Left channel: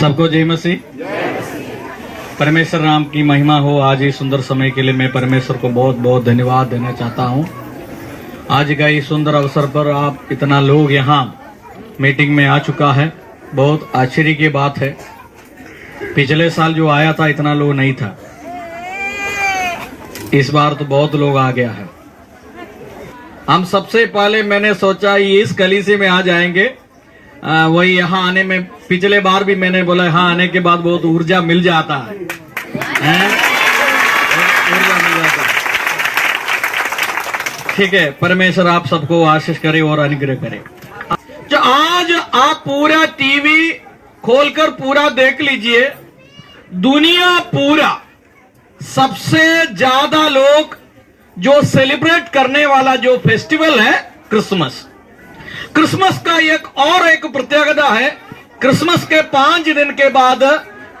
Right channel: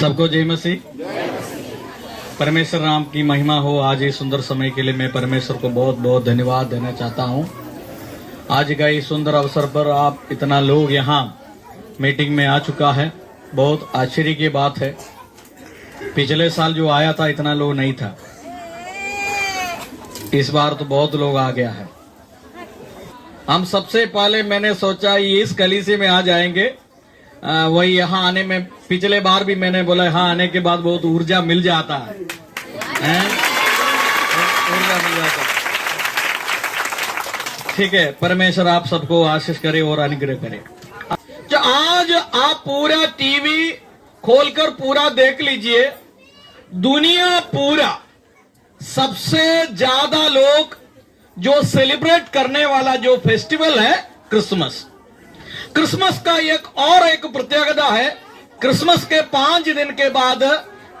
सबको जय मसीह। परमेश्वर नाम की महिमा हो। आज इस सुंदर समय के लिए मैं परमेश्वर को बहुत बहुत धन्यवाद देना चाहता हूं। आज का इस सुंदर अवसर पर आप इतना लोग यहाँ मीटिंग में आ चुका है, बहुत आश्चर्य की बात है। पिछले साल जो आया था इतना लोग नहीं था, इस बार तो बहुत लोग आ गया है। हम सबसे पहले मैंने सोचा इस कलीसिया में आ जाएंगे, वही यहाँ आने में पिछले बार भी मैंने बोला यहाँ आने के बाद बहुत ऊर्जा मिल जाता है, ऊर्जा मिल जाता है। ठीक है, परमेश्वर आप सबको आशीष करे और अनुग्रह करे। जो आज आप पूरा टीवी खोलकर पूरा देख लीजिए, दुनिया पूरा सबसे ज्यादा लोग जो सेलिब्रेट करने वाला जो फेस्टिवल है क्रिसमस। क्रिसमस का एक प्रत्యేకता है, क्रिसमस के 5 दिन के बाद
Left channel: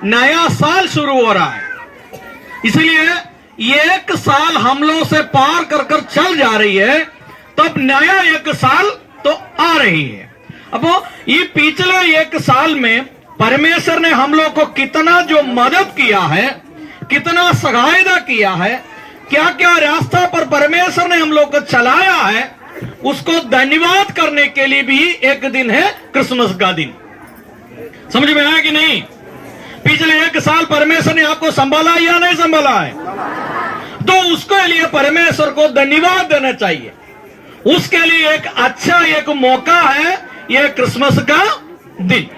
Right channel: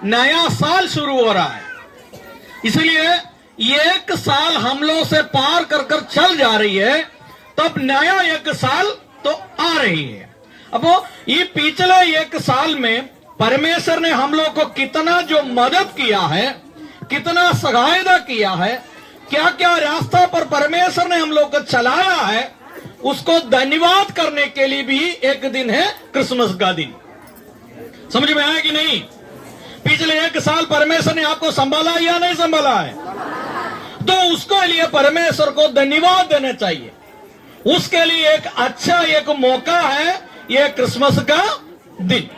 नया साल शुरू हो रहा है। इसलिए एक साल हम लोग से पार कर कर चल जा रही है, तब नया एक साल तो आ रही है। अब ये पिछले एक साल में परमेश्वर ने हम लोग को कितना जो मदद किया है, कितना सहायता किया है, क्या क्या रास्ता पर परमेश्वर ने हम लोग को चलाया है, उसको धन्यवाद करने के लिए भी एक दिन है क्रिसमस का दिन। समझ में आया कि नहीं? पिछले एक साल परमेश्वर ने आपको संभाला या नहीं संभाला है, तो उसके लिए परमेश्वर को धन्यवाद देना चाहिए। उसके लिए एक अच्छा एक मौका है ये क्रिसमस का दिन।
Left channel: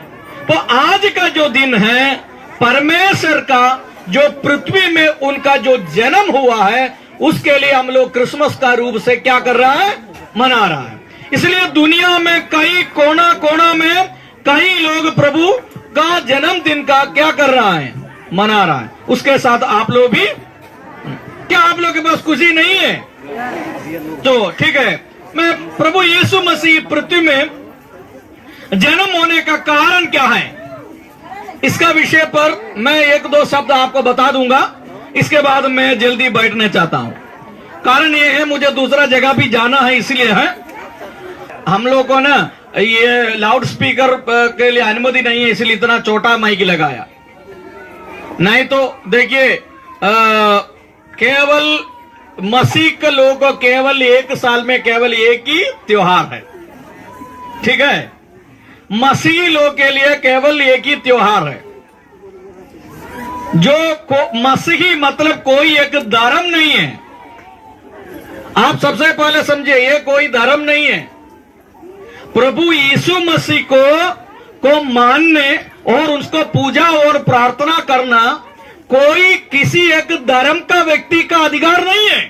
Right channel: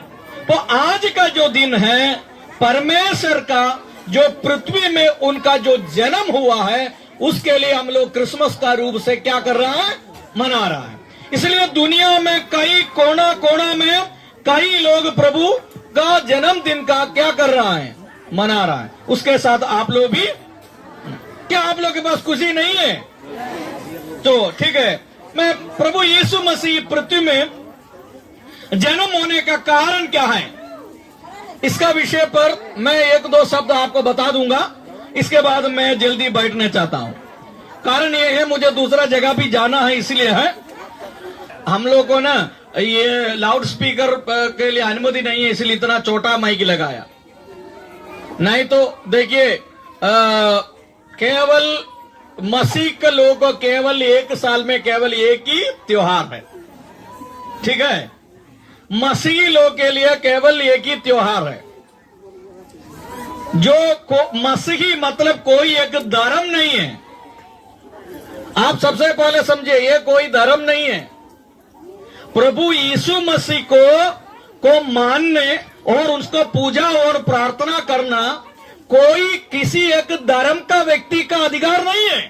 तो आज का जो दिन है परमेश्वर का जो पृथ्वी में उनका जो जन्म हुआ है, उसके लिए हम लोग क्रिसमस का रूप से क्या कर रहा है, मना रहा है। इसलिए दुनिया में कई कोना कोना में कई लोग प्रभु का जन्मदिन का क्या कर रहा है, मना रहा है। उसके साथ आप लोग भी, क्या आप लोग के पास खुशी नहीं है? तो ठीक है, मैं प्रभु यीशु मसीह पृथ्वी में जन्म होने का कारण क्या है, इसका विषय पर मैं 1-2 शब्द आपको बता दूंगा। इसके बाद मैं जल्दी बैठना चाहता हूं। कारण ये है मुझे दूसरा जगह भी जाना है, इसलिए है हम लोग को ना ये लाउड स्पीकर के लिए अनुमति नहीं है, इसलिए इतना छोटा माइक लगाया। नहीं तो देखिए केवल मसीह के लोगों को केवल एक साल में केवल एक ही त्योहार है। ठीक है, मसीही लोग के लिए केवल एक ही त्योहार है। जो मसीही मतलब कोई एक धर्म नहीं है। आप सबसे पहले समझिए, ये कोई धर्म नहीं है। प्रभु यीशु मसीह को मानने और उसको पूजा और प्रार्थना करना कोई किसी एक धर्म का व्यक्ति का अधिकार नहीं है।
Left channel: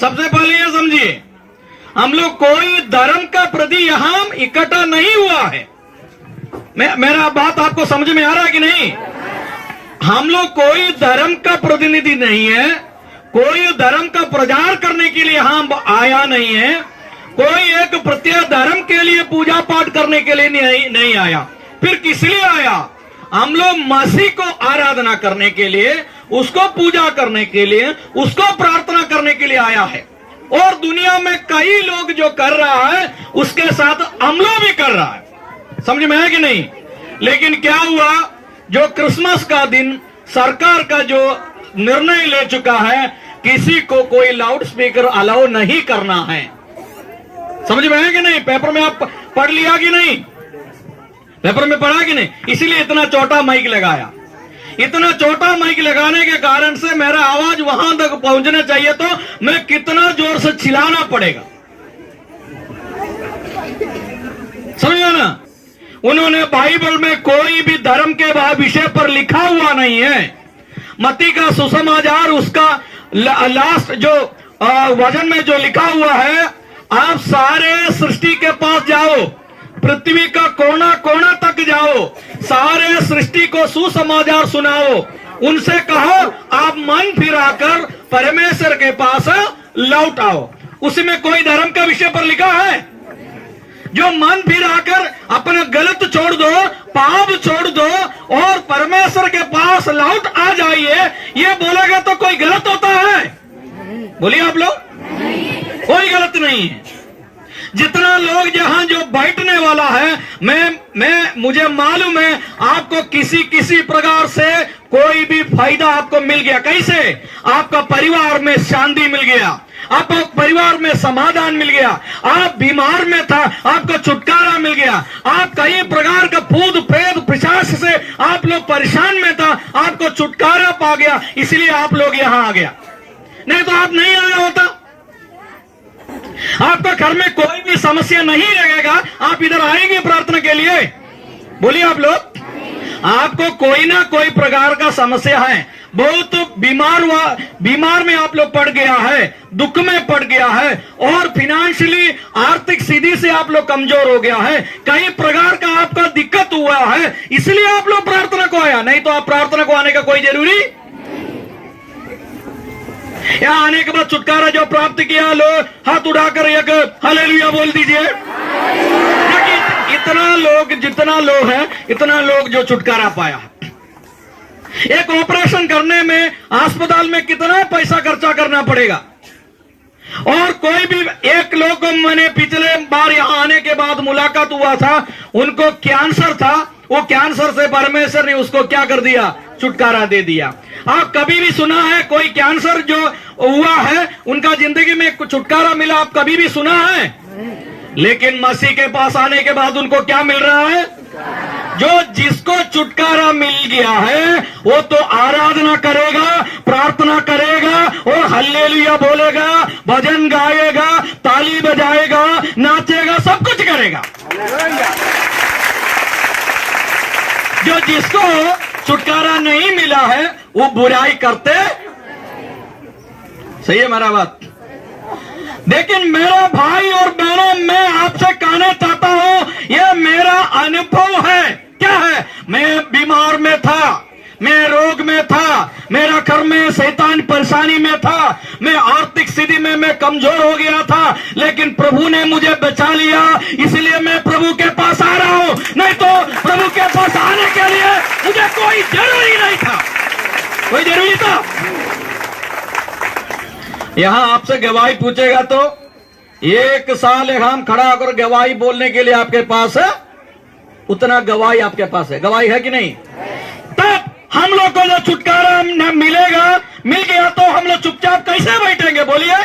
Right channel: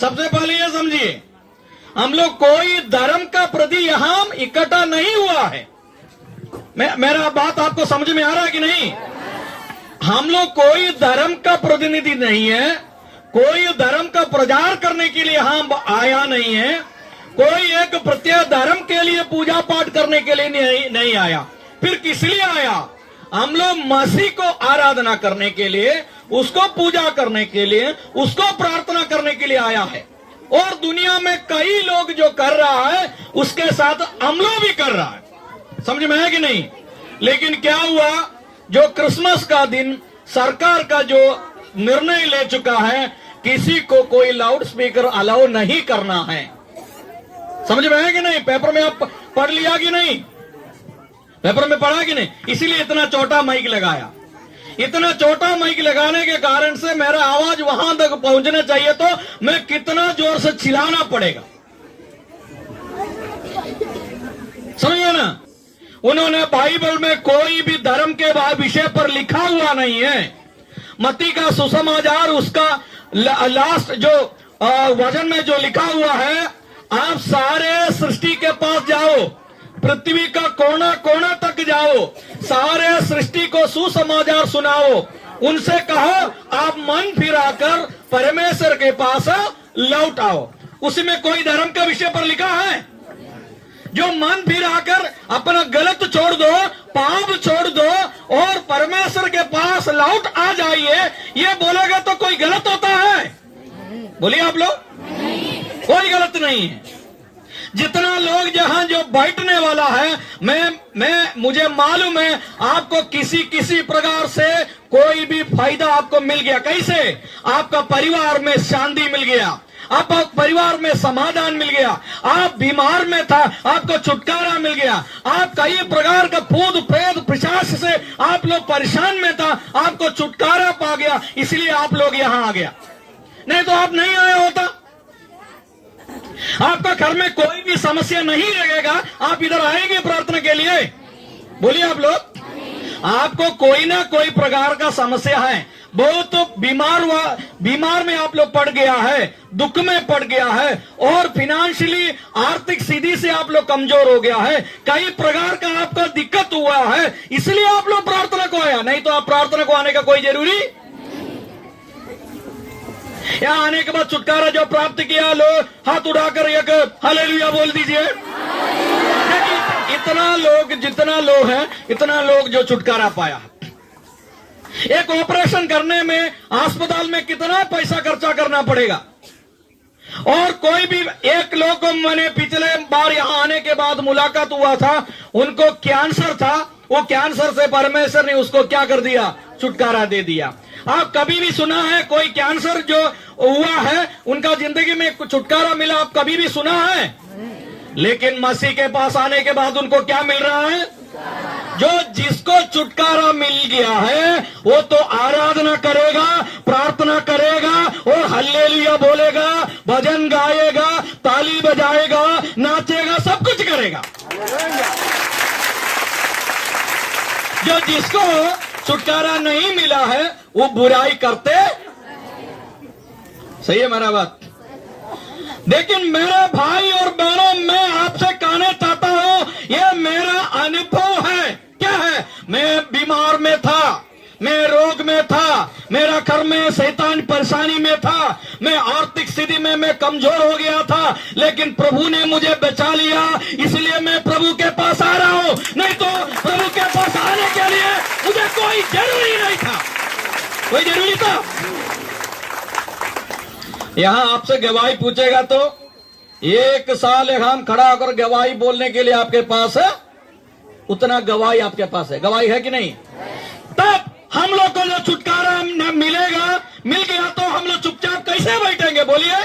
सबसे पहले ये समझिए, हम लोग कोई धर्म का प्रति यहां इकट्ठा नहीं हुआ है। मेरा बात आपको समझ में आ रहा है कि नहीं? हम लोग कोई धर्म का प्रतिनिधि नहीं है, कोई धर्म का प्रचार करने के लिए हम आया नहीं है, कोई एक प्रत्येक धर्म के लिए पूजा पाठ करने के लिए नहीं आया। फिर किस लिए आया? हम लोग मसीह को आराधना करने के लिए, उसको पूजा करने के लिए, उसको प्रार्थना करने के लिए आया है। और दुनिया में कई लोग जो कर रहा है उसके साथ हम लोग भी कर रहा है। समझ में है कि नहीं? लेकिन क्या हुआ, जो क्रिसमस का दिन सरकार का जो निर्णय ले चुका है, किसी को कोई लाउड स्पीकर अलाउ नहीं करना है। समझ में है कि नहीं? पेपर में आप पढ़ लिया कि नहीं? पेपर में पढ़ा कि नहीं? इसीलिए इतना छोटा माइक लगाया। इतना छोटा माइक लगाने के कारण से मेरा आवाज वहां तक पहुंचना चाहिए, तो मैं कितना जोर से चिल्लाना पड़ेगा। समझो ना? उन्होंने बाइबल में कोई भी धर्म के विषय पर लिखा हुआ नहीं है। मत्ती का सुसमाचार उसका लास्ट जो वचन में जो लिखा हुआ है, आप सारे सृष्टि के पास जाओ, पृथ्वी का कोना कोना तक जाओ, सारे सृष्टि को सुसमाचार सुनाओ, उनसे कहो आप मन फिराकर परमेश्वर के पास लौट आओ। उसमें कोई धर्म का विषय पर लिखा है? जो मन फिराकर अपना गलत छोड़ दो, पाप छोड़ दो और परमेश्वर के पास लौट आ जाइए, ये बोलेगा तो कोई गलत होता है? बोलिए आप लोग, कोई गलत नहीं है। जितना लोग जहां जो बैठने वाला है, मुझे मालूम है आपको किसी प्रकार से कोई भी फायदा आपको मिल गया। कैसे? आपका परिवार में शांति मिल गया, आपको परिवार में समाधान मिल गया, आप बीमार में था आपको छुटकारा मिल गया, आप कई प्रकार का भूत प्रेत पिशाच से आप लोग परेशान में था, आपको छुटकारा पा गया, इसलिए आप लोग यहां आ गया। नहीं तो आप नहीं आया होता। आपका घर में कोई भी समस्या नहीं रहेगा, आप इधर आएंगे प्रार्थना के लिए? बोलिए आप लोग। आपको कोई ना कोई प्रकार का समस्या है, बहुत बीमार में आप लोग पड़ गया है, दुख में पड़ गया है, और फिनेंशियली आर्थिक स्थिति से आप लोग कमजोर हो गया है, कई प्रकार का आपका दिक्कत हुआ है, इसलिए आप लोग प्रार्थना को आया। नहीं तो आप प्रार्थना को आने का कोई जरूरी, यहाँ आने के बाद छुटकारा जो प्राप्त किया, लो हाथ उठाकर एक हालेलुया बोल दीजिए। जितना लोग है, इतना लोग जो छुटकारा पाया। एक ऑपरेशन करने में अस्पताल में कितना पैसा खर्चा करना पड़ेगा, और कोई भी एक लोग को मैंने पिछले बार यहां आने के बाद मुलाकात हुआ था, उनको कैंसर था, वो कैंसर से परमेश्वर ने उसको क्या कर दिया? छुटकारा दे दिया। आप कभी भी सुना है कोई कैंसर जो हुआ है उनका जिंदगी में छुटकारा मिला? आप कभी भी सुना है? लेकिन मसीह के पास आने के बाद उनको क्या मिल रहा है? जो जिसको छुटकारा मिल गया है वो तो आराधना करेगा, प्रार्थना करेगा, और हल्लेलुया बोलेगा, भजन गाएगा, ताली बजाएगा, नाचेगा, सब कुछ करेगा। जो जिसको छुटकारा नहीं मिला है वो बुराई करते। सही है मेरा बात? लेकिन मेरा भाई और बहनों, मैं आपसे कहना चाहता हूं, यह मेरा अनुभव है। क्या है? मैं बीमार में था, मैं रोग में था, मेरा घर में शैतान परेशानी में था, मैं आर्थिक स्थिति में मैं कमजोर हो गया था, लेकिन प्रभु ने मुझे बचा लिया, इसलिए मैं प्रभु के पास आ रहा हूं। नहीं तो प्रभु के पास आने के लिए मुझे कोई जरूरी नहीं था। कोई जरूरी था? यहां आपसे गवाही पूछेगा तो 1 साल हम खड़ा होकर गवाही बोलने के लिए आपके पास है, उतना गवाही आपके पास है। गवाही है कि नहीं? तब हम लोग को जो छुटकारा मिल गया तो हम लोग चुपचाप कैसे बैठेंगे? बोलिए।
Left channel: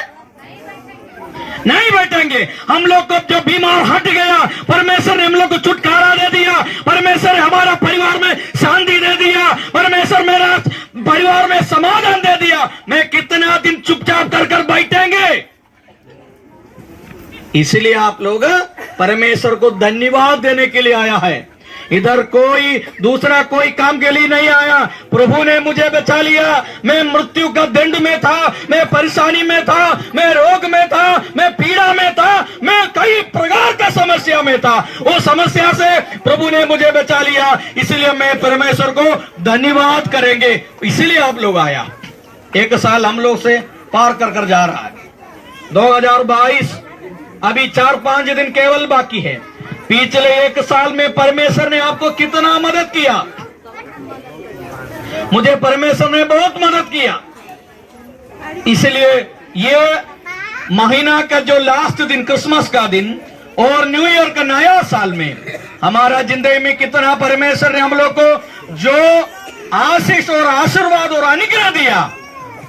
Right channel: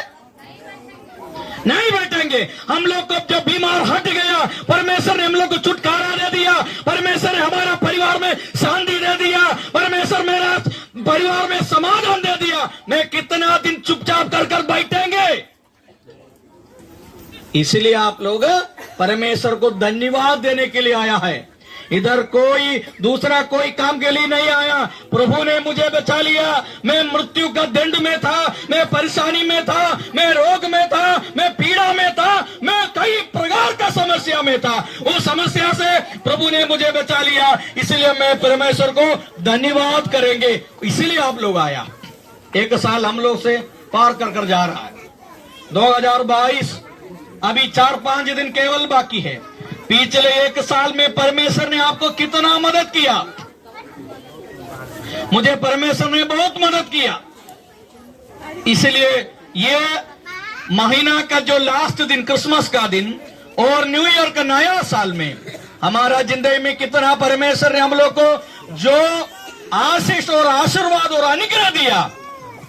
नहीं बैठेंगे। हम लोग को जो बीमार हट गया, परमेश्वर ने हम लोग को छुटकारा दे दिया, परमेश्वर ने हमारा परिवार में शांति दे दिया, परमेश्वर मेरा परिवार में समाधान दे दिया, मैं कितना दिन चुपचाप कर बैठेंगे? इसलिए आप लोग परमेश्वर को धन्यवाद देने के लिए आया है। इधर कोई दूसरा कोई काम के लिए नहीं आया। प्रभु ने मुझे बचा लिया, मैं मृत्यु का दंड में था, मैं परेशानी में था, मैं रोग में था, मैं पीड़ा में था, मैं कई प्रकार का समस्या में था, वो समस्या से प्रभु ने मुझे बचा लिया, इसलिए मैं परमेश्वर को धन्यवाद करेंगे। इसलिए आप लोग आया। 1 साल हम लोग से पार कर जा रहा है। 2022 अभी 4-5 दिन केवल बाकी है। पिछले 1 साल में परमेश्वर ने आपको कितना मदद किया? मुझे परमेश्वर ने बहुत मदद किया। इसलिए ये महीना का जो लास्ट दिन, क्रिसमस का दिन और न्यू ईयर का नया साल में हमारा जिंदगी में कितना परमेश्वर ने हम लोग को जो आशीष और आशीर्वाद और अनुग्रह दिया,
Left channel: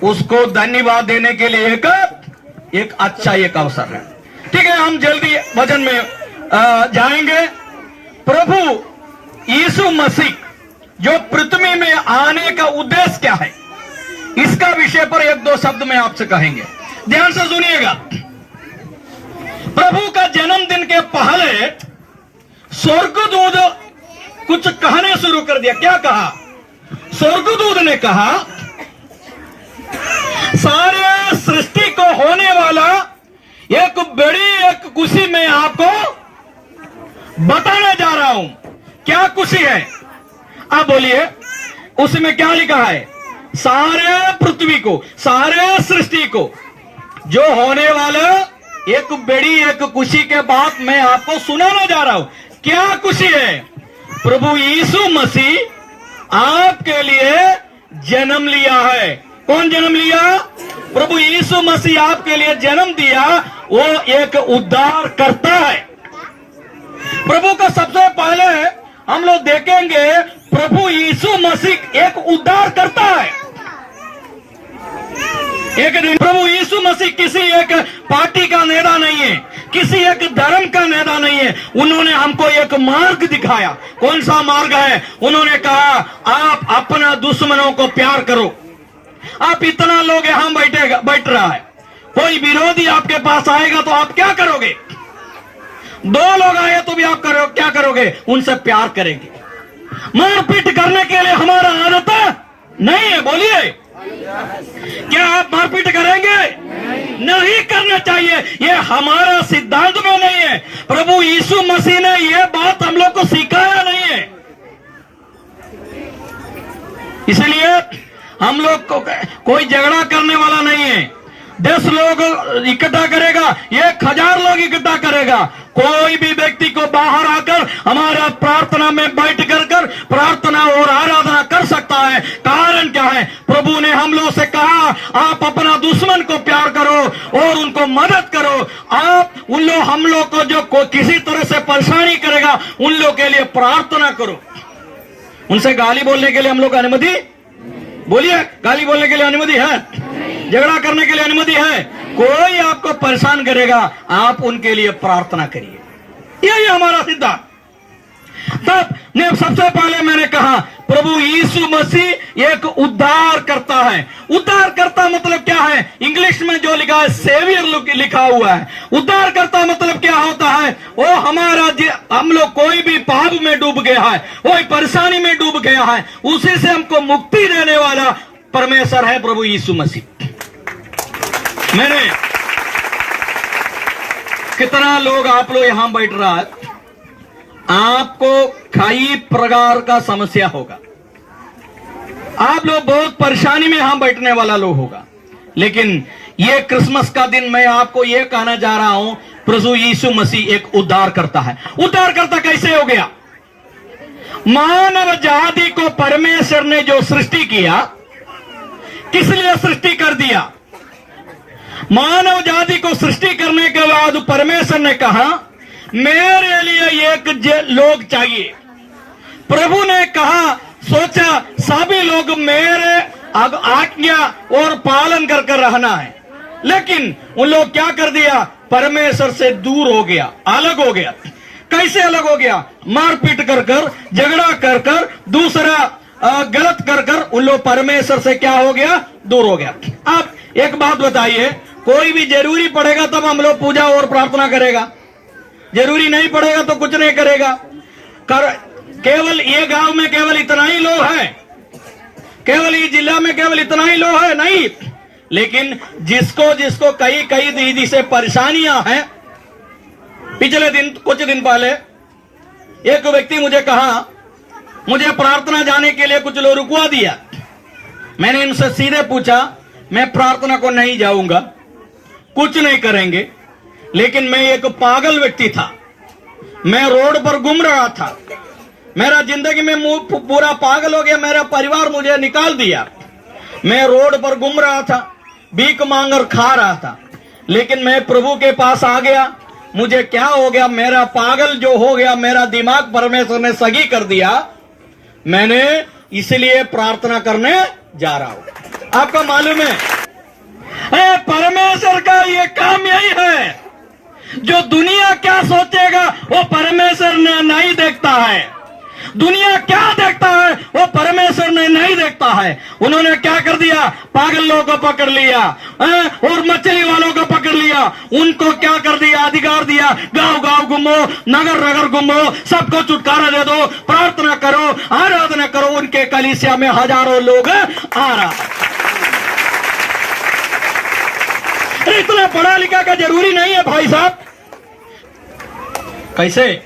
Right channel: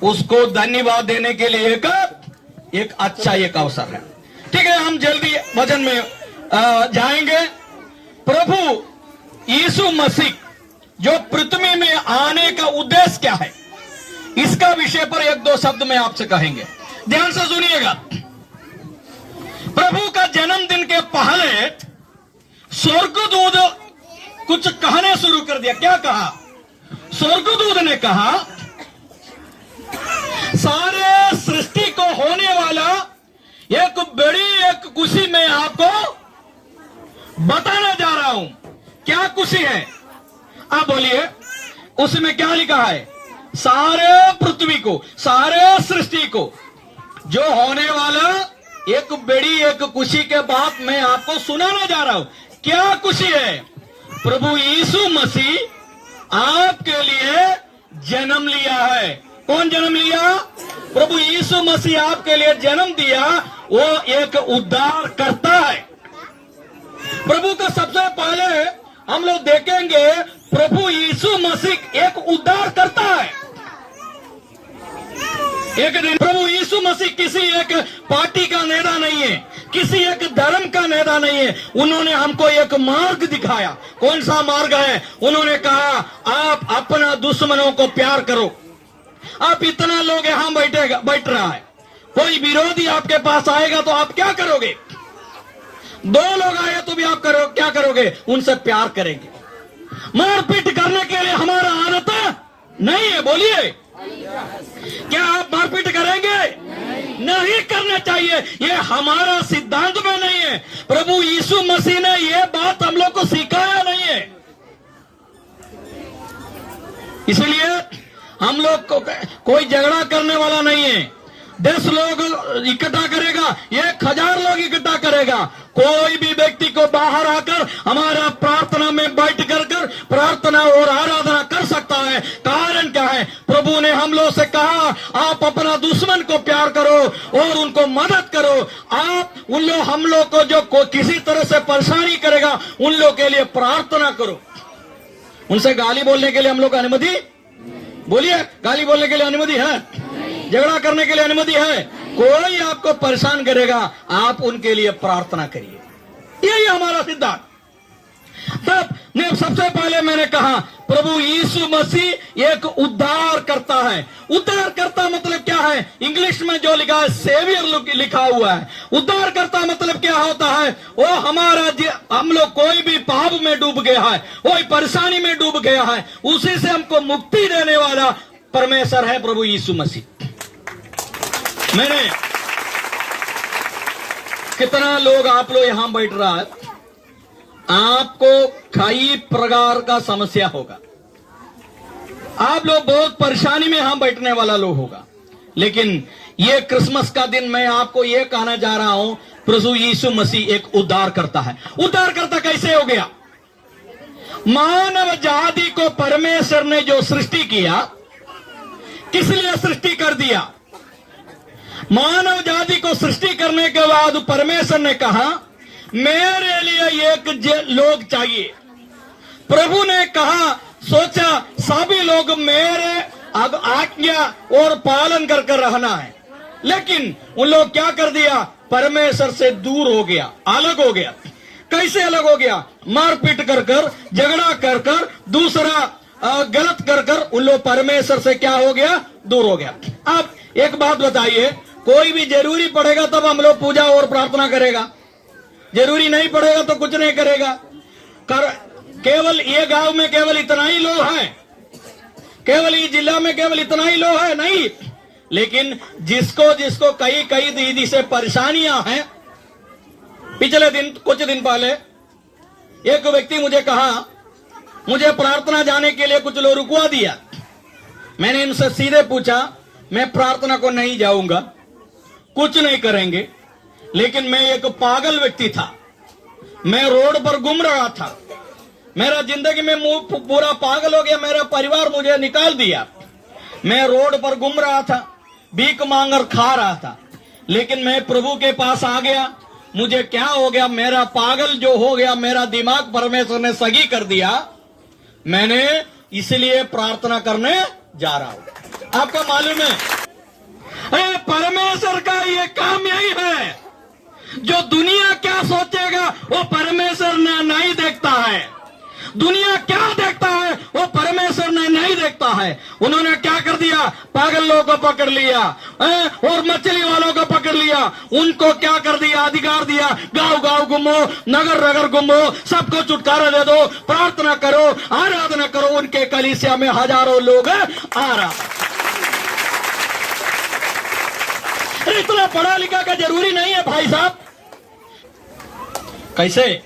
उसको धन्यवाद देने के लिए एक अच्छा एक अवसर है। ठीक है, हम जल्दी वचन में जाएंगे। प्रभु यीशु मसीह जो पृथ्वी में आने का उद्देश्य क्या है, इसका विषय पर 1-2 शब्द में आपसे कहेंगे। ध्यान से सुनिएगा। प्रभु का जन्मदिन के पहले स्वर्गदूत कुछ कहना शुरू कर दिया। क्या कहा? स्वर्गदूत ने कहा, सारे सृष्टि को होने वाला एक बड़ी एक खुशी मैं आपको बताने जा रहा हूं। क्या खुशी है? आप बोलिए। उसमें क्या लिखा है? सारे पृथ्वी को, सारे सृष्टि को जो होने वाला एक बड़ी एक खुशी के बात मैं आपको सुनाने जा रहा हूं। क्या खुशी है? प्रभु यीशु मसीह आपके लिए जन्म लिया है। कौन जन्म लिया? प्रभु यीशु मसीह आपके लिए जन्म दिया, वो एक उद्धार करता है। प्रभु का सबसे पहले हम लोग देखेंगे, प्रभु यीशु मसीह एक उद्धार करता है। एक दिन प्रभु यीशु मसीह किसी एक पार्टी का नेता नहीं है, किसी एक धर्म का नेता नहीं है। उन्होंने हमको एक मार्ग दिखाया। कौन सा मार्ग है? उन्होंने कहा, आप अपना दुश्मनों को प्यार करो। आप इतना लोग यहां बैठ रहा है, कोई विरोधी आपके पास आएगा तो आप क्या करोगे? दो लोग आए तो भी आप क्या करोगे? उनसे प्यार करेंगे। मारपीट करने के लिए हमारा आदत नहीं है। बोलिए, क्या आप मारपीट करेंगे? नहीं करना चाहिए। ये हमारा सिद्धांत में नहीं है। प्रभु यीशु मसीह ने यह बात हम लोग को सिखाया नहीं है। इसलिए हम लोग को कोई झगड़ा करने वाला नहीं है। 10 लोग इकट्ठा करेगा, 1000 लोग इकट्ठा करेगा। कोई भी व्यक्ति को बाहर आकर हमारा प्रार्थना में बैठ कर प्रार्थना और आराधना कर सकता है। कारण क्या है? प्रभु ने हम लोग से कहा, आप अपना दुश्मन को प्यार करो और उनको मदद करो। आप हम लोग को जो किसी तरह से परेशानी करेगा, उन लोग के लिए प्रार्थना करो। उनसे गाली बोलने के लिए हम लोग अनुमति, बोलिए, गाली बोलने के लिए अनुमति है? झगड़ा करने के लिए अनुमति है? कोई आपको परेशान करेगा, आप उनके लिए प्रार्थना करिए। यही हमारा सिद्धांत। तब सबसे पहले मैंने कहा, प्रभु यीशु मसीह एक उद्धार करता है। उद्धार करता मतलब क्या है? इंग्लिश में जो लिखा है सेवियर लिखा हुआ है। उद्धार करता मतलब क्या होता है? वो हम लोग कोई भी पाप में डूब गया है, कोई परेशानी में डूब गया है, उसी से हमको मुक्ति देने वाला परमेश्वर है प्रभु यीशु मसीह। मैंने कितना लोग आप लोग यहां बैठ रहा है, आपको कई प्रकार का समस्या होगा। आप लोग बहुत परेशानी में यहां बैठने वाला लोग होगा। लेकिन ये क्रिसमस का दिन मैं आपको ये कहना जा रहा हूं, प्रभु यीशु मसीह एक उद्धार करता है। उद्धार करता कैसे हो गया? मानव जाति को परमेश्वर ने जो सृष्टि किया, किस लिए सृष्टि कर दिया? मानव जाति को सृष्टि करने के बाद परमेश्वर ने कहा, मेरे लिए एक लोग चाहिए। प्रभु ने कहा, सोचा सभी लोग मेरे अब आज्ञा और पालन करके रहना है। लेकिन उन लोग क्या कर दिया? परमेश्वर से दूर हो गया, अलग हो गया। कैसे अलग हो गया? मारपीट कर झगड़ा कर दूसरा गलत कर उन लोग परमेश्वर से क्या हो गया? दूर हो गया। आप एक बात बताइए, कोई भी जरूरी पड़ेगा तब हम लोग पूजा और प्रार्थना करेगा, जरूरी नहीं पड़ेगा तो कुछ नहीं करेगा। केवल ये गांव में केवल इतना ही लोग हैं, केवल ये जिला में केवल इतना ही लोग है नहीं। लेकिन जिसको कई दीदी से परेशानियां हैं, पिछले दिन कुछ दिन पहले एक व्यक्ति मुझे कहा, मुझे प्रार्थना जाने के लिए कुछ लोग रुकवा दिया। मैंने इनसे सीधे पूछा, मैं प्रार्थना को नहीं जाऊंगा, कुछ नहीं करेंगे। लेकिन मैं एक पागल व्यक्ति था, मैं रोड पर घूम रहा था, मेरा जिंदगी में पूरा पागल हो गया, मेरा परिवार मुझे निकाल दिया। मैं रोड पर घूम रहा था, भीख मांगर खा रहा था। लेकिन मैं प्रभु के पास आ गया। मुझे क्या हो गया? मेरा पागल जो हो गया, मेरा दिमाग परमेश्वर ने सही कर दिया। मैंने इसलिए प्रार्थना करने जा रहा हूं। आपको मालूम है, परमेश्वर का ये काम यही है, जो दुनिया क्या सोचेगा वो परमेश्वर ने नहीं देखता है। दुनिया क्या देखता है वो परमेश्वर ने नहीं देखता है। उन्होंने क्या कर दिया? पागल लोगों को पकड़ लिया और मछली वालों को पकड़ लिया। उनको क्या कर दिया? अधिकार दिया, गांव गांव घूमो, नगर नगर घूमो, सबको छुटकारा दे दो, प्रार्थना करो, आराधना करो। उनके कलीसिया में हजारों लोग आ रहा। इतना पढ़ा लिखा का जरूरी नहीं है भाई साहब। कैसे?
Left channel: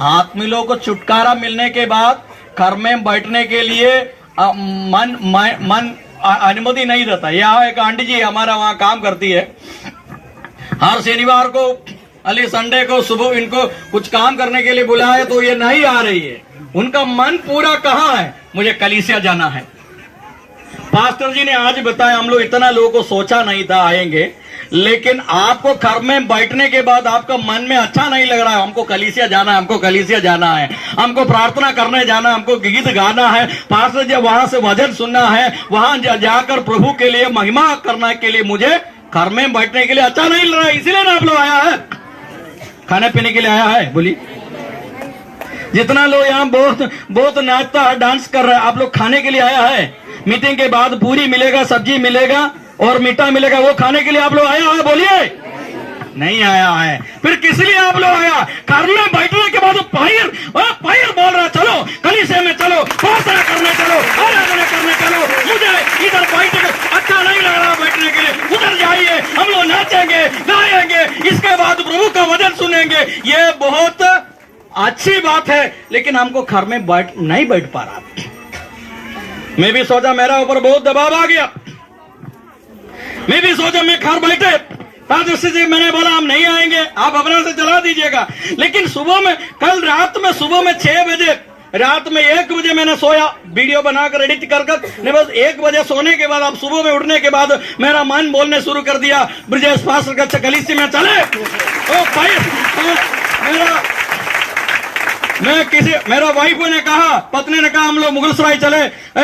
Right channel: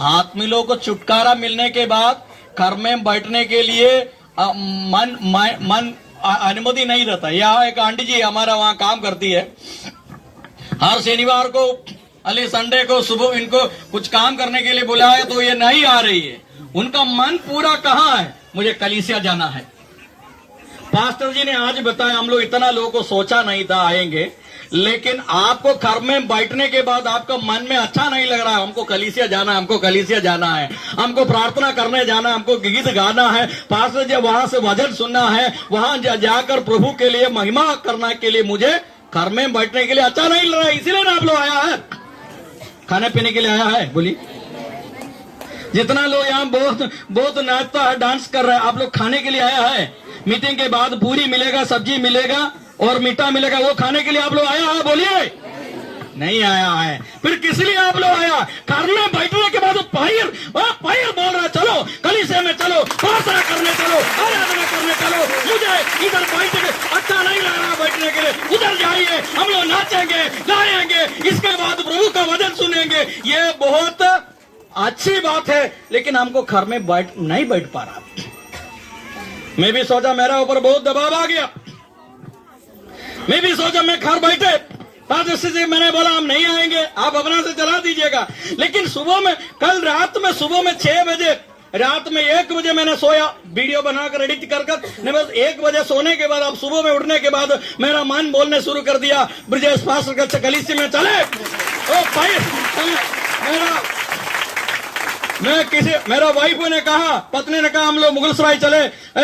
आत्मी लोगों को छुटकारा मिलने के बाद घर में बैठने के लिए मन अनुमति नहीं देता। यहाँ एक आंटी जी हमारा वहाँ काम करती है, हर शनिवार को अली संडे को सुबह इनको कुछ काम करने के लिए बुलाया तो ये नहीं आ रही है। उनका मन पूरा कहाँ है? मुझे कलीसिया जाना है। पास्टर जी ने आज बताया, हम लोग इतना लोगों को सोचा नहीं था आएंगे, लेकिन आपको घर में बैठने के बाद आपका मन में अच्छा नहीं लग रहा है, हमको कलीसिया जाना है, हमको कलीसिया जाना है, हमको प्रार्थना करने जाना, हमको गीत गाना है, पास्टर जी वहां से वचन सुनना है, वहां जाकर प्रभु के लिए महिमा करने के लिए मुझे घर में बैठने के लिए अच्छा नहीं लग रहा है, इसीलिए ना आप लोग आया है, खाने पीने के लिए आया है। बोलिए, जितना लोग यहाँ बहुत नाचता है, डांस कर रहा है, आप लोग खाने के लिए आया है। मीटिंग के बाद पूरी मिलेगा, सब्जी मिलेगा और मीठा मिलेगा, वो खाने के लिए आप लोग आया है। बोलिए, नहीं आया है, फिर किस लिए आप लोग आया? घर में बैठने के बाद पायर बोल रहा, चलो कलीसिया में चलो, प्रार्थना करने चलो, आराधना करने चलो, मुझे इधर बैठ के अच्छा नहीं लग रहा बैठने के लिए, उधर जाइए, हम लोग नाचेंगे गाएंगे, इसके बाद प्रभु का वचन सुनेंगे। ये बहुत अच्छी बात है, लेकिन हमको घर में नहीं बैठ पा रहा। मैं भी सोचा मेरा ऊपर बहुत दबाव आ गया, मैं भी सोचा मैं घर बैठे जी, मैंने बोला हम नहीं आएंगे, आप अपने से चला दीजिएगा। लेकिन सुबह में, कल रात में सुबह में 6 बजे, रात में 1 बजे मैंने सोया, वीडियो बनाकर एडिट कर बस 1 बजे सोने के बाद, अब सुबह में उठने के बाद मेरा मन बोलने शुरू कर दिया, ब्रजेश पास्टर का कलीसिया में चले। मेरा वाइफ ने कहा, पत्नी ने कहा हम लोग मुगलसराय चले,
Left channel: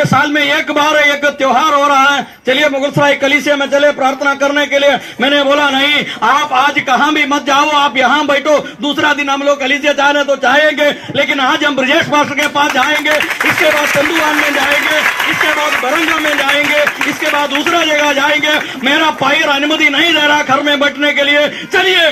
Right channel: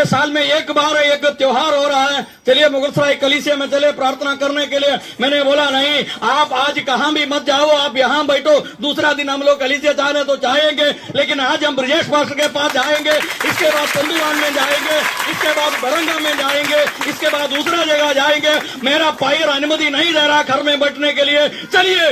साल में एक बार एक त्योहार हो रहा है, चलिए मुगलसराय कलीसिया में चले प्रार्थना करने के लिए। मैंने बोला नहीं, आप आज कहाँ भी मत जाओ, आप यहाँ बैठो, दूसरा दिन हम लोग कलीसिया जाने तो चाहेंगे, लेकिन आज हम ब्रजेश पास्टर के पास जाएंगे, इसके बाद चंदूवान में जाएंगे, इसके बाद बरंगा में जाएंगे, इसके बाद दूसरा जगह जाएंगे। मेरा पायर अनुमति नहीं दे रहा घर में बैठने के लिए। चलिए,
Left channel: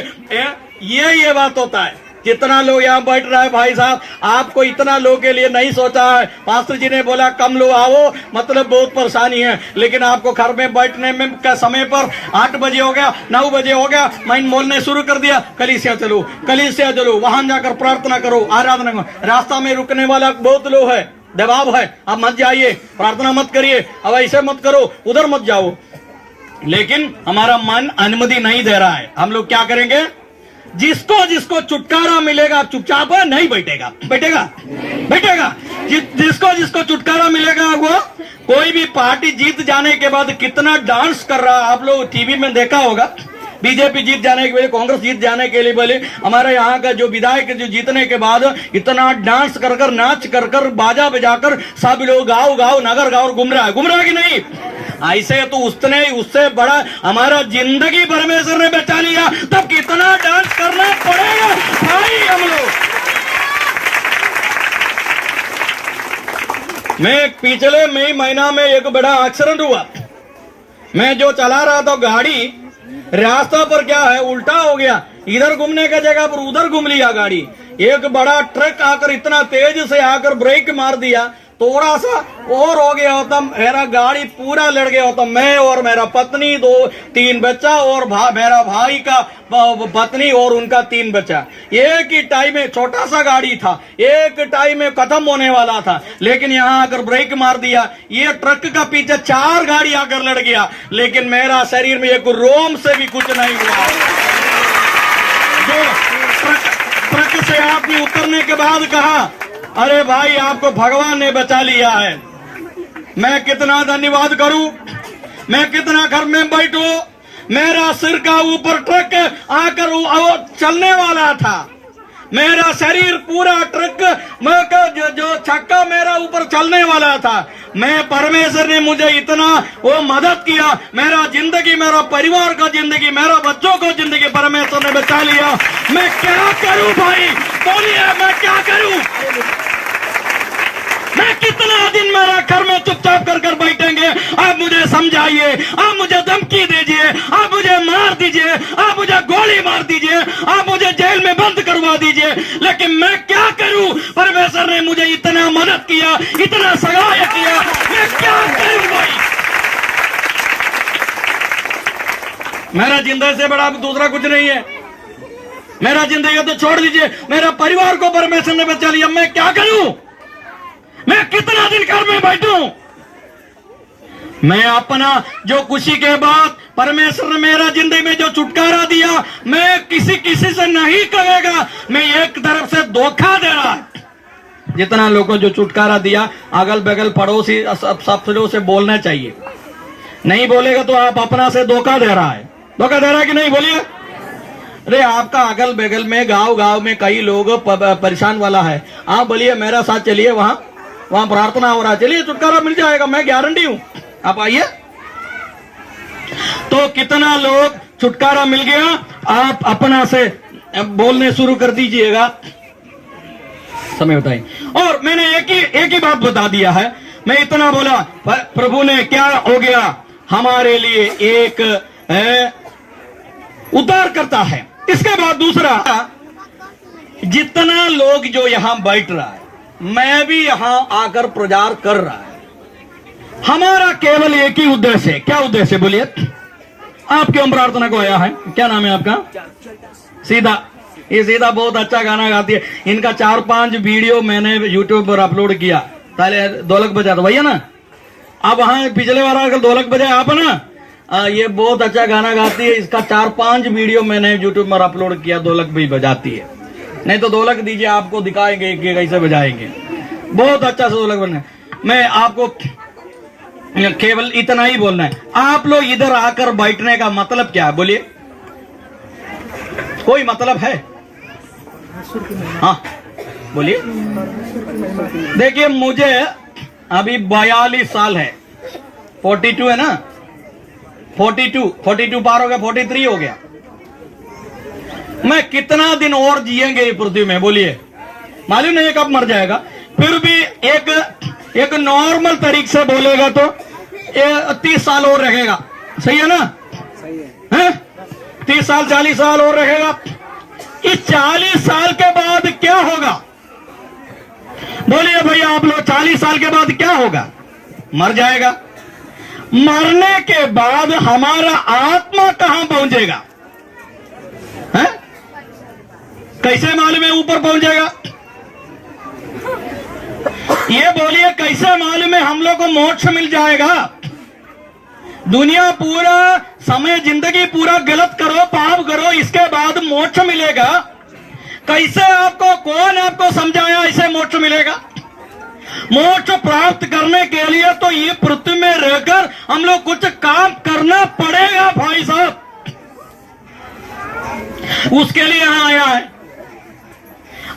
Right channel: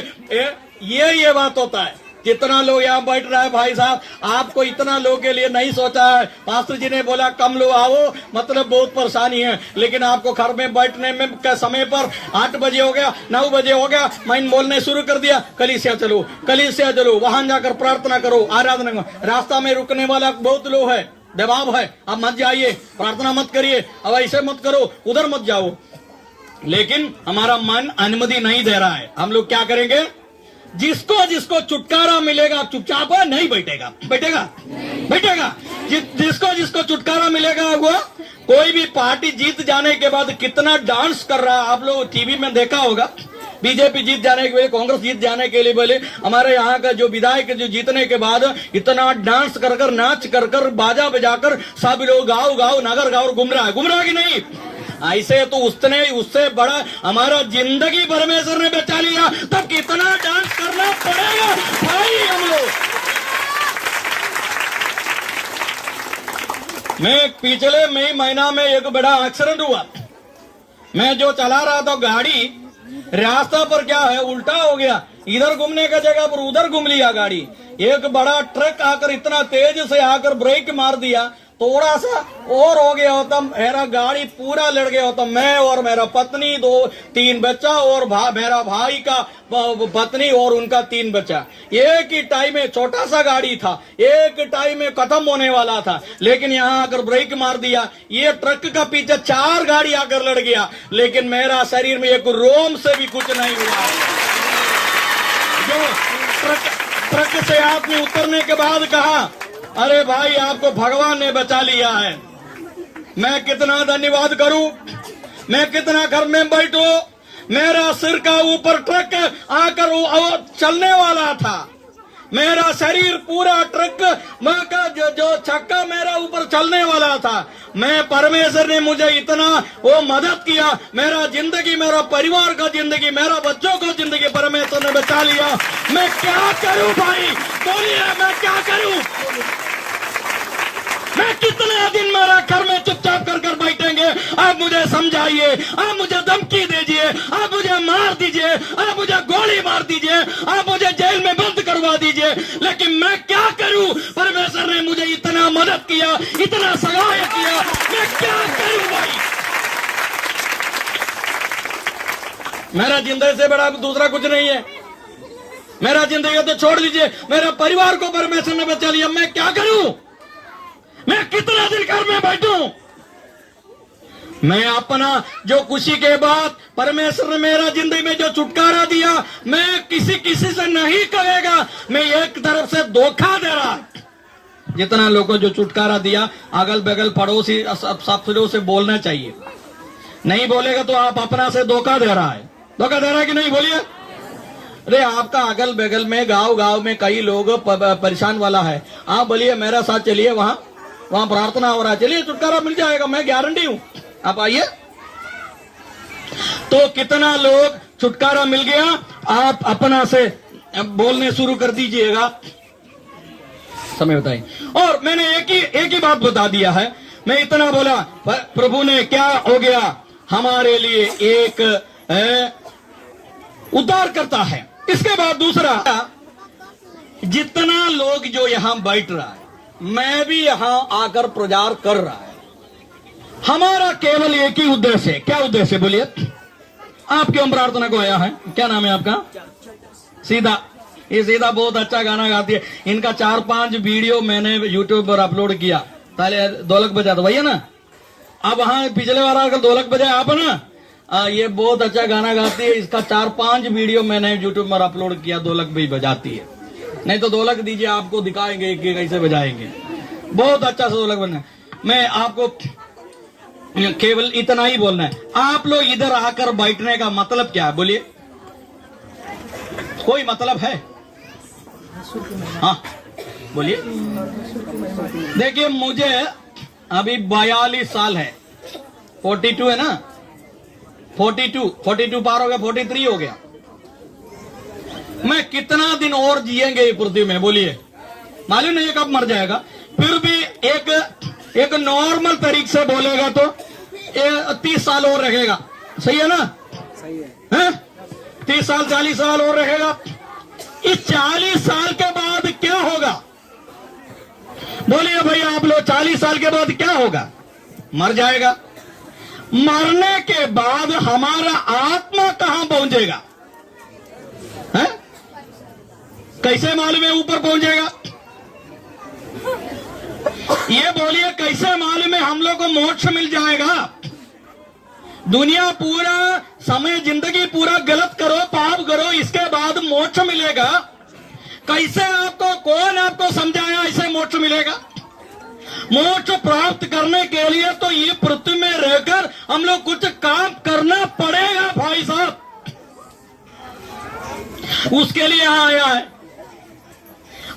ये बात होता है। कितना लोग यहाँ बैठ रहा है भाई साहब, आपको इतना लोग के लिए नहीं सोचा है। पास्टर जी ने बोला कम लोग आओ, मतलब बहुत परेशानी है, लेकिन आपको घर में बैठने में का समय पर 8 बजे हो गया, 9 बजे हो गया, मैंने बोलने शुरू कर दिया, कलीसिया चलो, कलीसिया चलो, वहां जाकर प्रार्थना करो, आराधना करो। रास्ता में रुकने वाला बहुत लोग है, दबाव है, अब मत जाइए, प्रार्थना मत करिए, अब ऐसे मत करो, उधर मत जाओ। लेकिन हमारा मन अनुमति नहीं दे रहा है। हम लोग क्या करेंगे? जिसको छुटकारा मिलेगा चुपचाप नहीं बैठेगा। जिसको छुटकारा मिलेगा वो, कोई भी पार्टी जीत जाने के बाद कितना डांस कर रहा, आप लोग टीवी में देखा होगा, बीजेपी जीत जाने के लिए, कांग्रेस जीत जाने के लिए बोले, हमारे यहाँ का जो विधायक जो जीतने के बाद इतना डांस कर नाच कर बाजा बजाकर सब लोग गाओ नगर गाँव घूम रहा है कि नहीं? ऐसे तो उससे बड़ा हमारा जिंदगी परमेश्वर ने बचा लिया, तब कितना डांस करना पड़ेगा भाई हम लोग। मैं पिछले मई महीना में एक बड़ा एक्सीडेंट हुआ, मैं जो चला रहा था गाड़ी, रास्ता पर क्या है उल्टा हो गया, इधर घूमने का जगह पर उधर घूम लिया गाड़ी। एक बड़ा ट्रक आकर इतना तेज से आकर ब्रेक मार दिया, थोड़ा सा और हो गया होता, मेरा गाड़ी पूरा लड़ गया होता, मैं और मेरा पत्नी, 2-3 बच्चा और मेरा भाई का पत्नी और उनका 3 बच्चा। एक ही टाइम में, छोटा सा गाड़ी था, एक टाइम में खत्म होने वाला था, लेकिन यहाँ आकर ब्रेक मार दिया। ये ट्रक का पीछे 4 गाड़ी आकर लड़ गया, लेकिन मेरा शरीर में एक रोम से भी कुछ नहीं हुआ। ट्रक से आदमी उतरने के बाद कहा, अरे भाई आपको भगवान ने बचा लिया है। मैं कितना धन्यवाद करूं, मैं कितना घर में बैठूं, मेरा सिर का ऊपर ट्रक आकर चलने वाला था, मेरा शरीर पूरा ट्रक जो छक्का मेरा ऊपर चलने वाला था। मैं परमेश्वर ने मुझे इतना वो मदद किया, मेरा जिंदगी, मेरा परिवार का जिंदगी, मेरा बच्चों को जिंदगी परमेश्वर ने बचा लिया। मैं क्या करूं भाई, बोलिए मैं क्या करूं? मैं कितना दिन मेरा घर में चुपचाप कर बैठेंगे? आप मुझे समझाइए, आप मुझे धमकी दीजिए, आप मुझे मार दीजिए, आप मुझे गोली मार दीजिए, आप मुझे जेल में बंद करवा दीजिए, लेकिन मैं क्या करूं? परमेश्वर ने मुझे इतना मदद किया, इतना सहायता किया, मैं क्या करूं भाई? मेरा जिंदगी से बड़ा दूसरा कुछ नहीं है। मेरा जिंदगी तो छोड़ दीजिए, मेरा परिवार को परमेश्वर ने बचा लिया, मैं क्या करूं? मैं कितना दिन घर में बैठूं? मैं अपना जो खुशी के बाद परमेश्वर ने मेरा जिंदगी में जो छुटकारा दिया, मैं किसी से नहीं कहेगा। मैं एक तरफ से धोखा दे रहा, जितना लोगों को जो छुटकारा दिया, अगल बगल पड़ोसी सब से बोलना चाहिए। नहीं बोलेगा तो आप अपना से धोखा दे रहा है। धोखा दे रहा है कि नहीं, बोलिए। अरे आपका अगल बगल में गांव में कई लोग परेशान वाला है, आप बोलिए मेरे साथ चलिए, वहां प्रार्थना हो रहा है, चलिए छुटकारा मिल जाएगा, मैं गारंटी हूं, आप आइए। तो कितना लोग छुटकारा मिल गया, आप अपना से बोलने शुरू कर दीजिएगा। समय बताइए। और मैंने एक ही बात बता दिया है, मैं इतना बोला, प्रभु ने क्या हो गया, हमारे लिए एक उद्धार करता है। इसके बाद दूसरा, जितना लोग जो यहां बैठ रहा है, मैं भी यहां आकर प्रचार कर रहा है, हमारा केवल एक ही उद्देश्य है। क्या उद्देश्य, बोलिए। आप क्यों प्रार्थना को आया है? क्या नाम है आपका? सीधा। ये सीधा बहुत अच्छा गाना गाती है। इनका 4-5 वीडियो मैंने यूट्यूब पर अपलोड किया। पहले ढोलक बजा था भैया ना, अब वहां पिछले वाला ढोलक बजाए आप ना, ये बहुत अच्छा गाना गाती है। इसका 4-5 वीडियो मैंने यूट्यूब पर अपलोड किया। ढोलक भी बजाती है, नहीं तो ढोलक दीजिए, आपको दिखाएंगे कि कैसे बजाएंगे। बहुत अच्छा से ढोलक बनना है। मैं आपको केवल इतना ही बोलना है, आप लोग इधर आकर बैठने का मतलब क्या है, बोलिए। कोई मतलब है? हाँ बोलिए। देखिए, मुझे अभी 42 साल है, 42 है ना, 42 पार हो गया, 43 हो गया। मैं कितना दिन और जिएंगे ये पृथ्वी में, बोलिए। मालूम नहीं कब मर जाएगा। फिर भी एक नॉर्मल तरीके से बोलेगा तो 30 साल और रहेगा, सही है ना? सही है। 30 साल 40 साल और रहेगा। इस 40 साल के बाद क्या होगा, बोलिए भैया आप लोग। 40 साल के बाद क्या होगा? मर जाएगा। मरने के बाद हमारा आत्मा कहां पहुंचेगा, है? कैसे मालूम है ऊपर पहुंचेगा? ये बोलिए, कैसे मालूम है हम लोग को मोक्ष मिल जाएगा? दुनिया पूरा समय जिंदगी पूरा गलत करो, पाप करो, इसके बाद मोक्ष मिलेगा? कैसे आपको, कौन आपको समझाया ऐसे मोक्ष मिलेगा? मोक्ष प्राप्त करने के लिए तो ये पृथ्वी में रहकर हम लोग कुछ काम करना पड़ेगा भाई साहब। उसके लिए यहां आया है,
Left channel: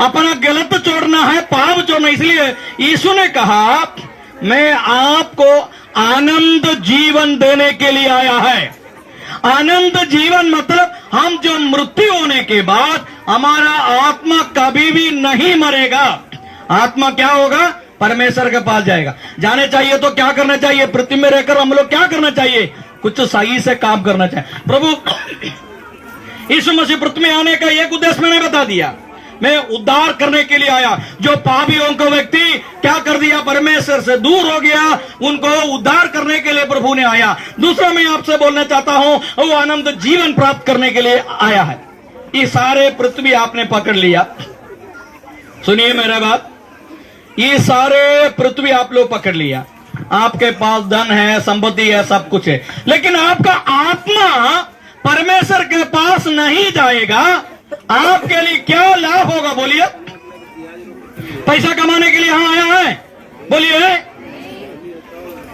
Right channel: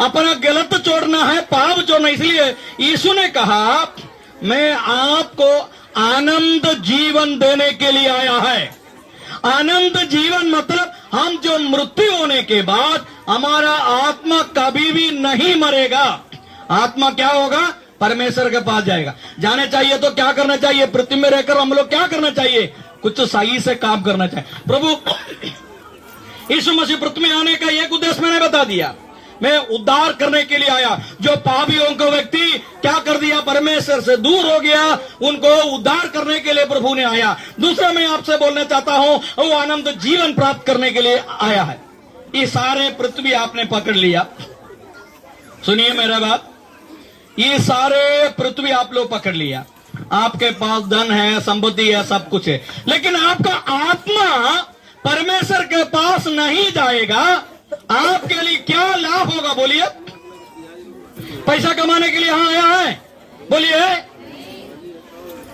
अपना गलत छोड़ना है, पाप छोड़ना। इसलिए यीशु ने कहा, मैं आपको आनंद जीवन देने के लिए आया है। आनंद जीवन मतलब हम जो मृत्यु होने के बाद हमारा आत्मा कभी भी नहीं मरेगा। आत्मा क्या होगा? परमेश्वर के पास जाएगा। जाने चाहिए तो क्या करना चाहिए? पृथ्वी में रहकर हम लोग क्या करना चाहिए? कुछ सही से काम करना चाहिए। प्रभु यीशु मसीह पृथ्वी में आने का एक उद्देश्य मैंने बता दिया, मैं उद्धार करने के लिए आया। जो पापियों को व्यक्ति क्या कर दिया, परमेश्वर से दूर हो गया, उनको उद्धार करने के लिए प्रभु ने आया। दूसरा मैं आपसे बोलना चाहता हूं, वो आनंद जीवन प्राप्त करने के लिए आया है। ये सारे पृथ्वी आपने पकड़ लिया, सुनिए मेरा बात, ये सारे पृथ्वी आप लोग पकड़ लिया। आपके पास धन है, संपत्ति है, सब कुछ है, लेकिन आपका आत्मा परमेश्वर के पास नहीं जाएगा। आपके लिए क्या लाभ होगा, बोलिए। पैसा कमाने के लिए यहां आया है, बोलिए।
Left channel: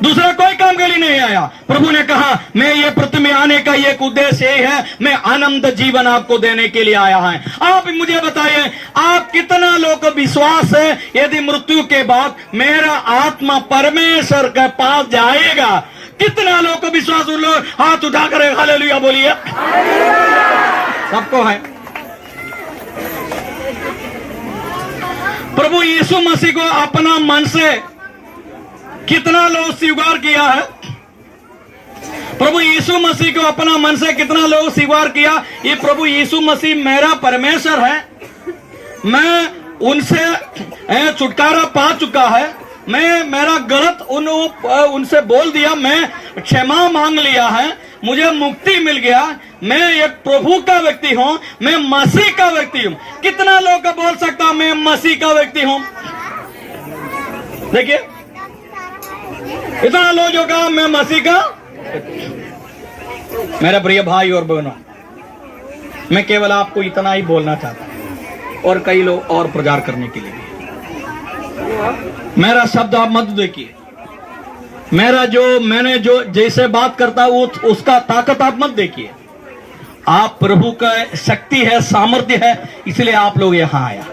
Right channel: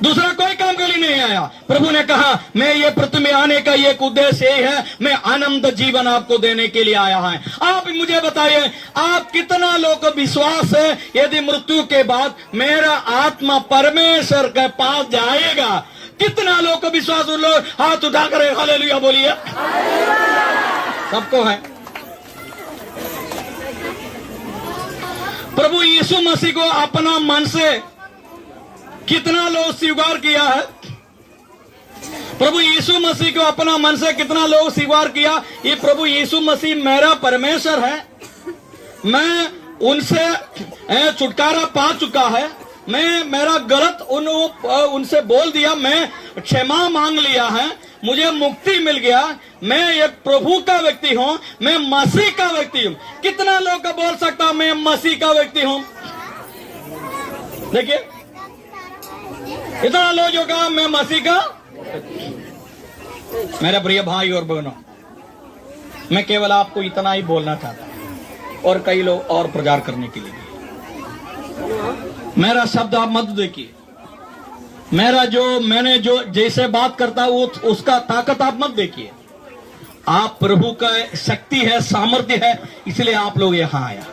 दूसरा कोई काम के लिए नहीं आया। प्रभु ने कहा, मैं ये पृथ्वी में आने का एक उद्देश्य यही है, मैं आनंद जीवन आपको देने के लिए आया है। आप मुझे बताइए, आप कितना लोग को विश्वास है यदि मृत्यु के बाद मेरा आत्मा परमेश्वर के पास जाएगा? कितना लोग को विश्वास? उन लोग हाथ उठाकर हालेलुया बोलिए। सबको है। प्रभु यीशु मसीह को अपना मन से कितना लोग स्वीकार किया है? प्रभु यीशु मसीह को अपना मन से कितना लोग स्वीकार किया? ये प्रभु यीशु मसीह मेरा परमेश्वर है, मैं उनसे छुटकारा पा चुका है, मैं मेरा गलत उनसे बोल दिया, मैं क्षमा मांग लिया है, मुझे मुक्ति मिल गया, मैं एक प्रभु का व्यक्ति हूं, मैं मसीह का व्यक्ति हूं। कितना लोग का बोल सकता मैं मसीह का व्यक्ति हूं? देखिए, इतना लोग जो कहा मैं मसीह का। मेरा प्रिय भाई और बहनों, मैं केवल आपको इतना ही बोलना चाहता हूं, और कई लोग और प्रचार करने के लिए। मेरा शब्द आप मत देखिए, मैंने जो जैसे बात करता हूं उसका ताकत आप मत देखिए। आप प्रभु का शक्ति है, सामर्थ्य है, इसलिए आप लोग यहां आया।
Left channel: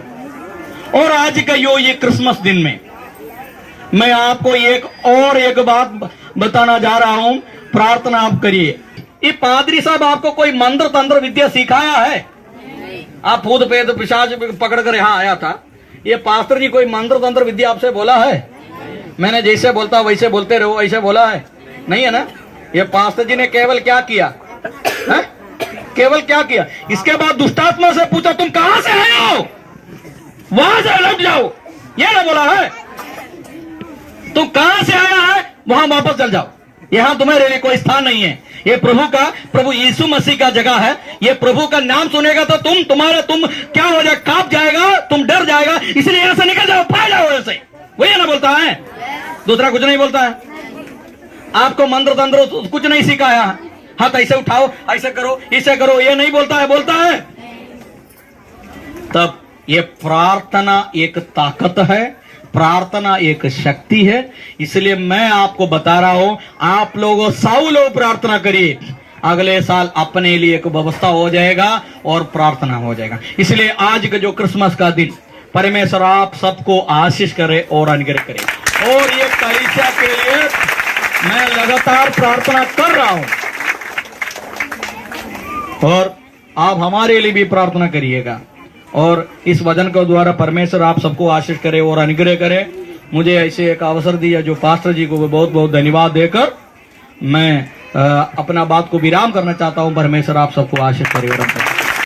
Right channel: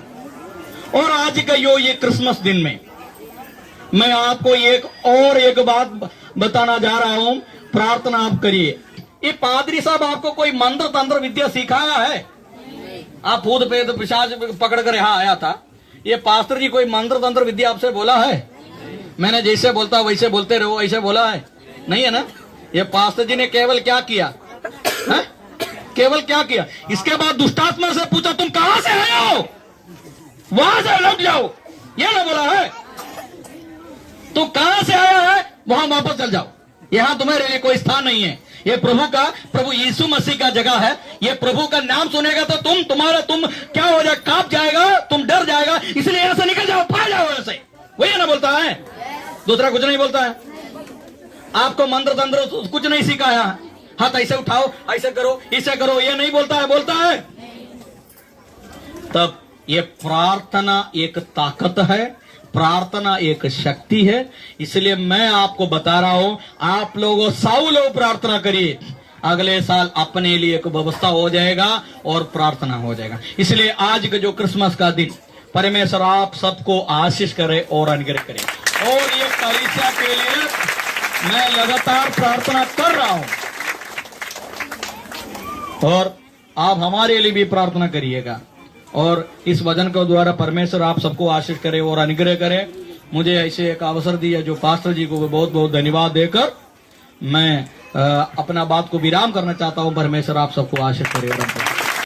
और आज का ये क्रिसमस दिन में मैं आपको एक बात बताना जा रहा हूं। प्रार्थना आप करिए। ये पादरी साहब आपको कोई मंत्र तंत्र विद्या सिखाया है? आप भूत प्रेत पिशाच पकड़ कर यहां आया था। ये पास्टर जी कोई मंत्र तंत्र विद्या आपसे बोला है? मैंने जैसे बोलता वैसे बोलते रहो, ऐसे बोला है? नहीं है ना। ये पास्टर जी ने केवल क्या किया है? केवल क्या किया? इसके बाद दुष्टात्मा से पूछा तुम कहां से आए हो, वहां से लौट जाओ, ये ना बोला है? तू कहां से आया है वहां वापस चल जाओ, यहां तुम्हारे लिए कोई स्थान नहीं है। ये प्रभु यीशु मसीह का जगह है। ये प्रभु का नाम सुनेगा तो तुम क्या हो जाएगा? कांप जाएगा, तुम डर जाएगा, इसलिए यहां से निकल जाओ, भाग जाओ ऐसे। वही ना बोलता है, दूसरा कुछ नहीं बोलता है। आपको मंत्र तंत्र कुछ नहीं सिखाया। हाथ ऐसे उठाओ, ऐसे करो, इसे करो, ये नहीं बोलता है। तब ये प्रार्थना एक ताकत है, प्रार्थना एक शक्ति है। इसलिए मैं आपको बता रहा हूं, आप लोगों 100 लोग प्रार्थना करिए, अगले साल अपने लिए एक व्यवस्था हो जाएगा और प्रार्थना हो जाएगा। इसलिए आज का जो क्रिसमस का दिन, परमेश्वर आप सबको आशीष करे और अनुग्रह करे। और ये कलीसिया के लिए मैं लगातार प्रार्थना कर रहा हूं और आप हमारे लिए भी प्रार्थना करिएगा। और इस वचन के द्वारा परमेश्वर आप सबको आशीष करे और अनुग्रह करे। मुझे ऐसे एक अवसर दिया जो पास्टर जी को बहुत बहुत धन्यवाद देकर मैं अपना बात को विराम करना चाहता हूं। परमेश्वर आप सबको आशीष करे और